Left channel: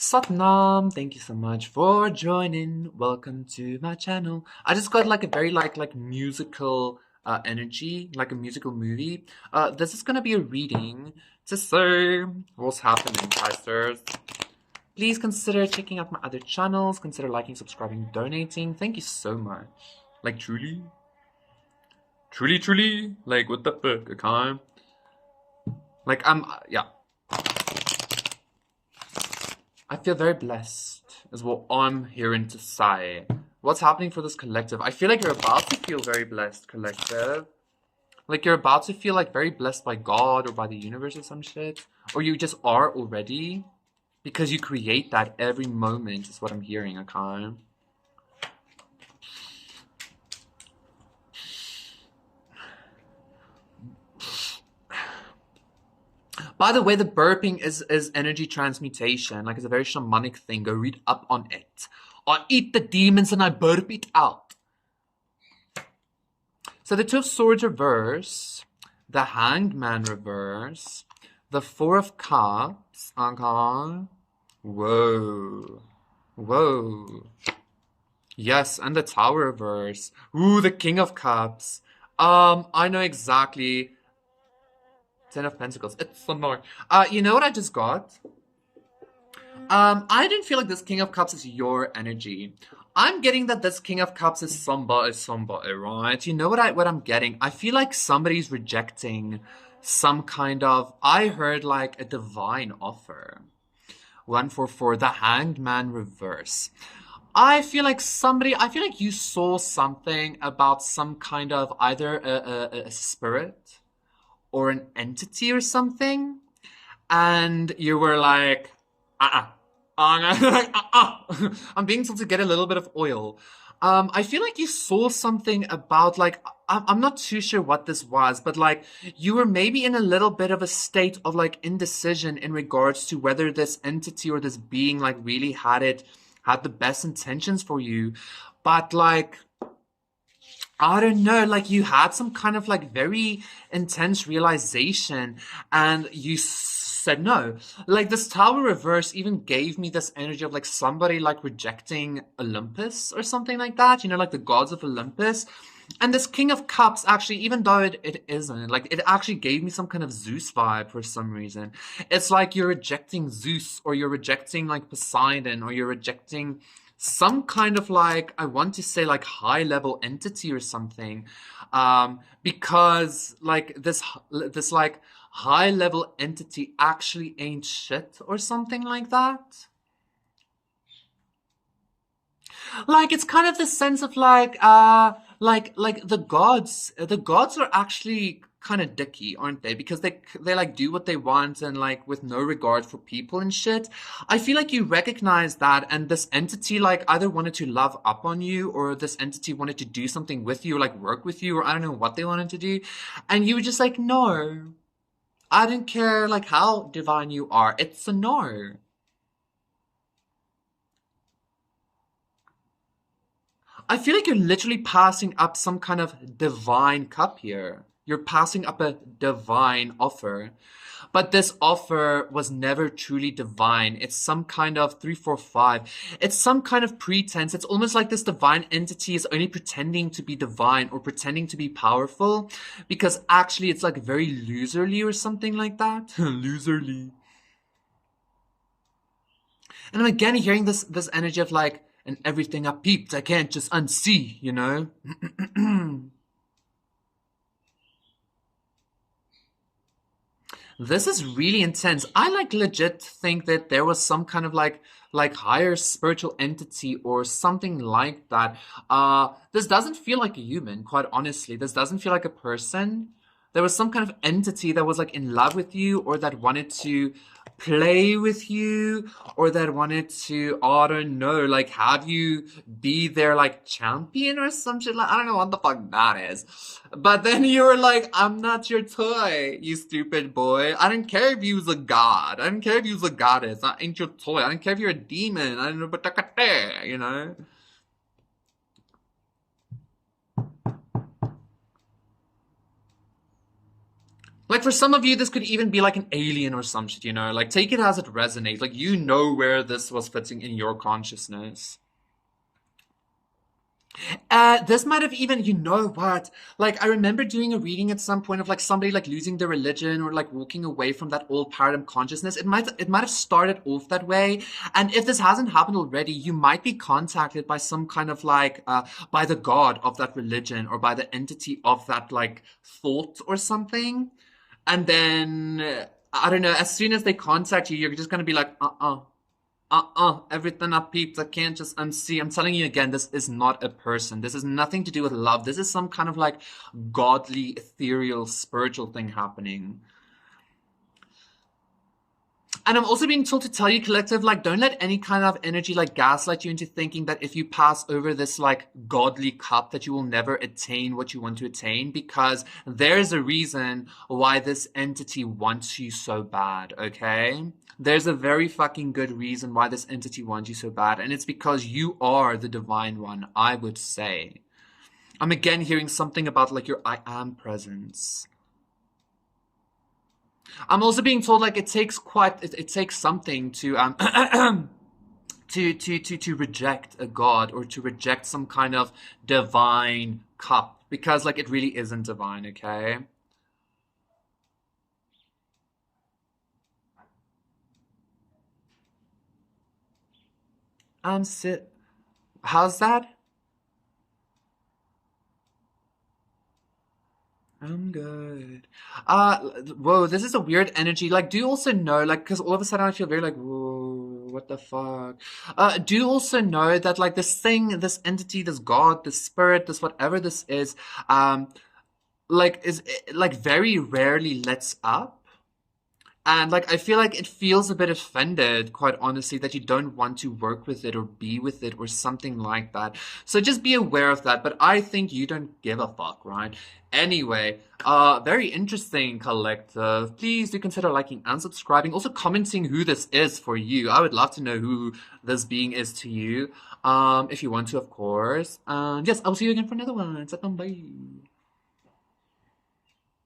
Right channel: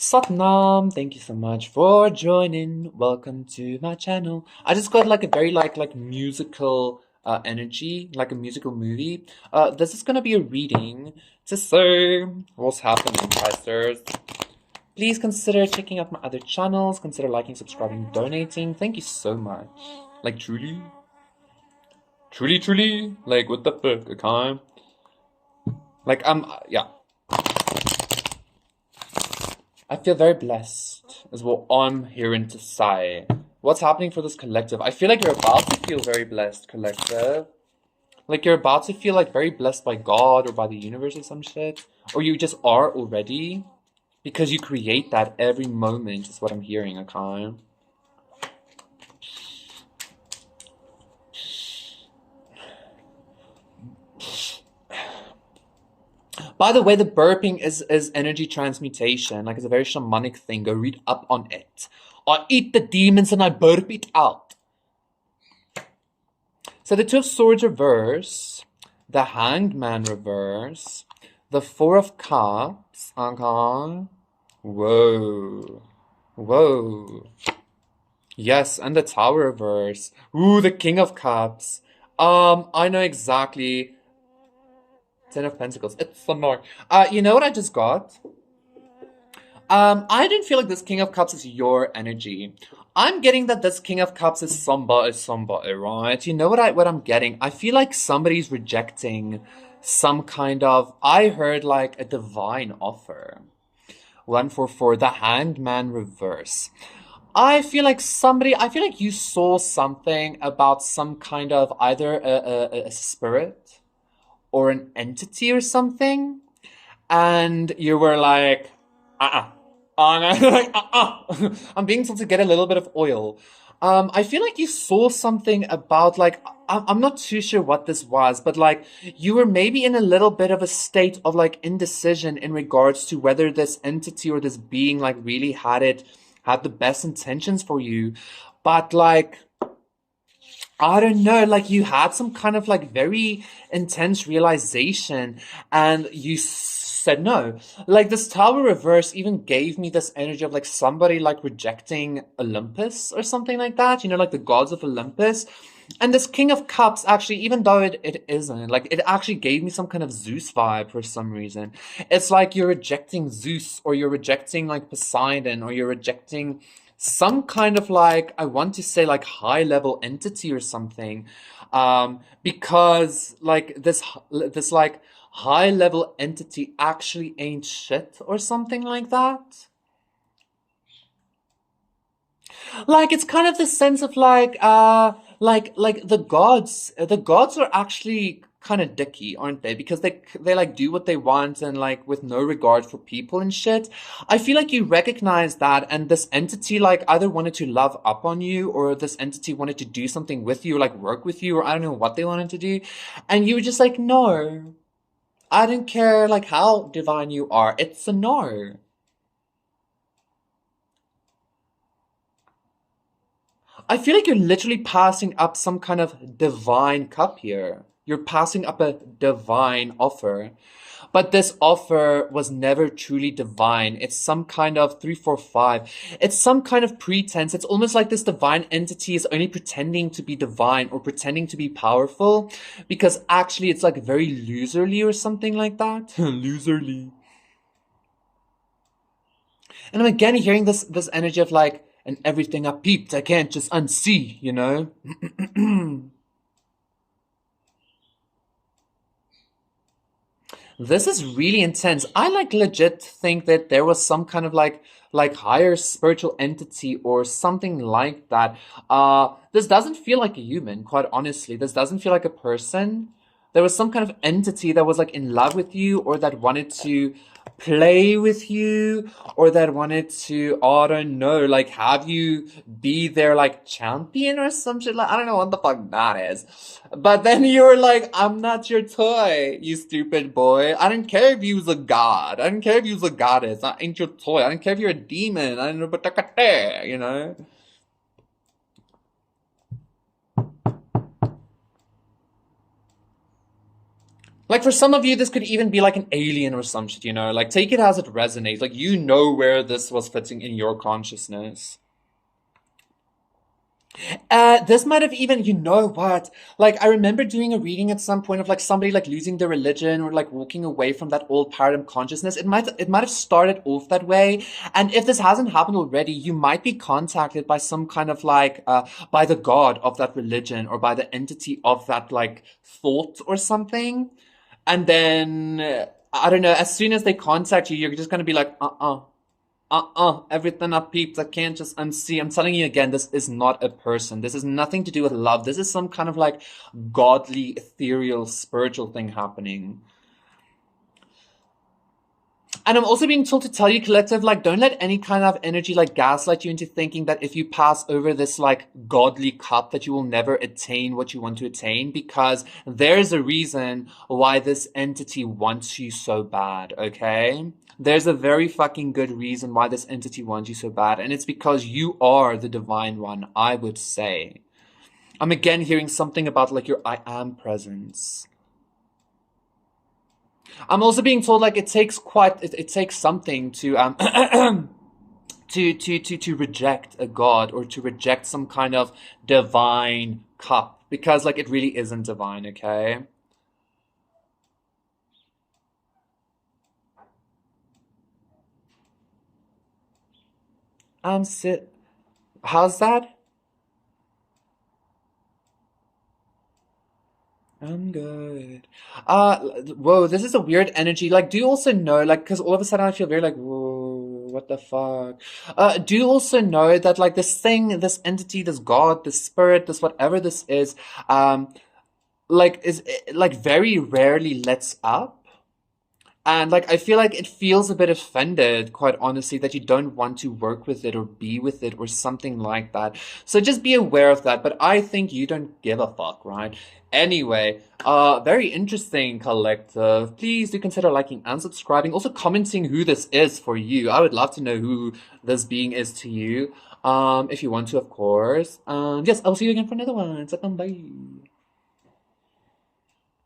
Satnam, thank you so much for joining. Welcome to my channel. I just got like a very like musical energy, like a musical movie. This is gonna be a reading to say what's happening, guys. Please consider checking out my other channels. Consider liking, subscribing, donating. Thank you so much. Like truly, truly. Like what the fuck? Okay. Like yeah. I feel very blessed, is what I'm hearing to say. What's happening for this collective? I feel like you're about to feel very blessed, collective. Like you're about to feel like very blessed by God or by the universe or some shit. Or you just are already. Because you create that every moment, is what I'm hearing, okay? By the way, the burping is energy transmutation. Like it's a very shamanic thing. Go read up on it. I eat the demons and I burp it out. So the Two of Swords reverse, the Hanged Man reverse, the Four of Cups, okay. Whoa. Whoa. Yes, and the Tower reverse. Ooh, the King of Cups. I know exactly. Ten of Pentacles. It's annoying. You know what I just got? I didn't feel like this King of Cups is your energy. I'm getting that this King of Cups is somebody, right? You know what I'm getting? I feel like somebody's rejecting some kind of, I heard like a divine offer. 144, the Hanged Man reverse. I feel like you saw something about some kind of either a spirit or an entity or something, and you were like, uh-uh. I'm being told to get a little bit of oil. I feel like you saw something about like I'm not too sure what this was, but like you were maybe in a little bit of a state of like indecision in regards to whether this entity or this being like really had the best intentions for you. But like I don't know, like you had some kind of like very intense realization and you said no. Like this Tower reverse even gave me this energy of like somebody like rejecting Olympus or something like that, you know, like the gods of Olympus. And this King of Cups actually, even though it isn't, like it actually gave me some kind of Zeus vibe for some reason. It's like you're rejecting Zeus or you're rejecting like Poseidon or you're rejecting some kind of like I want to say like high level entity or something, because like this like high level entity actually ain't shit or something like that. Like it's kind of the sense of like the gods are actually kind of dicky, aren't they? Because they like do what they want and like with no regard for people and shit. I feel like you recognize that, and this entity like either wanted to love up on you, or this entity wanted to do something with you, or like work with you, or I don't know what they wanted to do, and you were just like, no, I don't care like how divine you are. It's a no. I feel like you're literally passing up some kind of divine cup here. You're passing up a divine offer. But this offer was never truly divine. It's some kind of 345. It's some kind of pretense. It's almost like this divine entity is only pretending to be divine or pretending to be powerful because actually it's like very loserly or something like that. Loserly. And I'm again hearing this energy of like, and everything I peeped, I can't just unsee, you know? This is really intense. I like legit think that there was some kind of like higher spiritual entity or something like that. This doesn't feel like a human, quite honestly. This doesn't feel like a person. There was some kind of entity that was like in love with you or that wanted to play with you or that wanted to, I don't know, like have you be their like champion or some shit. Like I don't know what the fuck that is. But then you're like, I'm not your toy, you stupid boy. I don't care if you's a god. I don't care if you's a goddess. I ain't your toy. I don't care if you're a demon. I don't know, but you know. Like for some of you, this could even be like an alien or some shit, you know? Like take it as it resonates. Like you know where this was fitting in your consciousness. This might have even, you know what? Like, I remember doing a reading at some point of like somebody like losing their religion or like walking away from that old paradigm consciousness. It might have started off that way. And if this hasn't happened already, you might be contacted by some kind of like, by the god of that religion or by the entity of that like thought or something. And then, I don't know, as soon as they contact you, you're just gonna be like, everything I peeped, I can't just unsee. I'm telling you again, this is not a person. This has nothing to do with love. This is some kind of like godly, ethereal, spiritual thing happening. And I'm also being told to tell you, collective, like, don't let any kind of energy like gaslight you into thinking that if you pass over this like godly cup, that you will never attain what you want to attain, because there's a reason why this entity wants you so bad, okay? There's a very fucking good reason why this entity wants you so bad, and it's because you are the divine one, I would say. I'm again hearing something about like your I am presence. I'm also being told like it takes something to to reject a god or to reject some kind of divine cup, because like it really isn't divine, okay? Sit. How's that? I'm good. Whoa, this is a weird energy. Like, do you also know, like, because all of a sudden I feel very like, whoa, what the fuck? Do you also know that, like, this thing, this entity, this god, this spirit, this whatever this is, like, is like very rarely lets up? And like I feel like it feels a bit offended, quite honestly, that you don't want to work with it or be with it or something like that. So just be aware of that. But I think you don't give a fuck, right? Anyway, very interesting, collective. Please do consider liking and subscribing. Also commenting who this is for you. I would love to know who this being is to you. If you want to, of course. Yes, I'll see you again for another one. So, bye.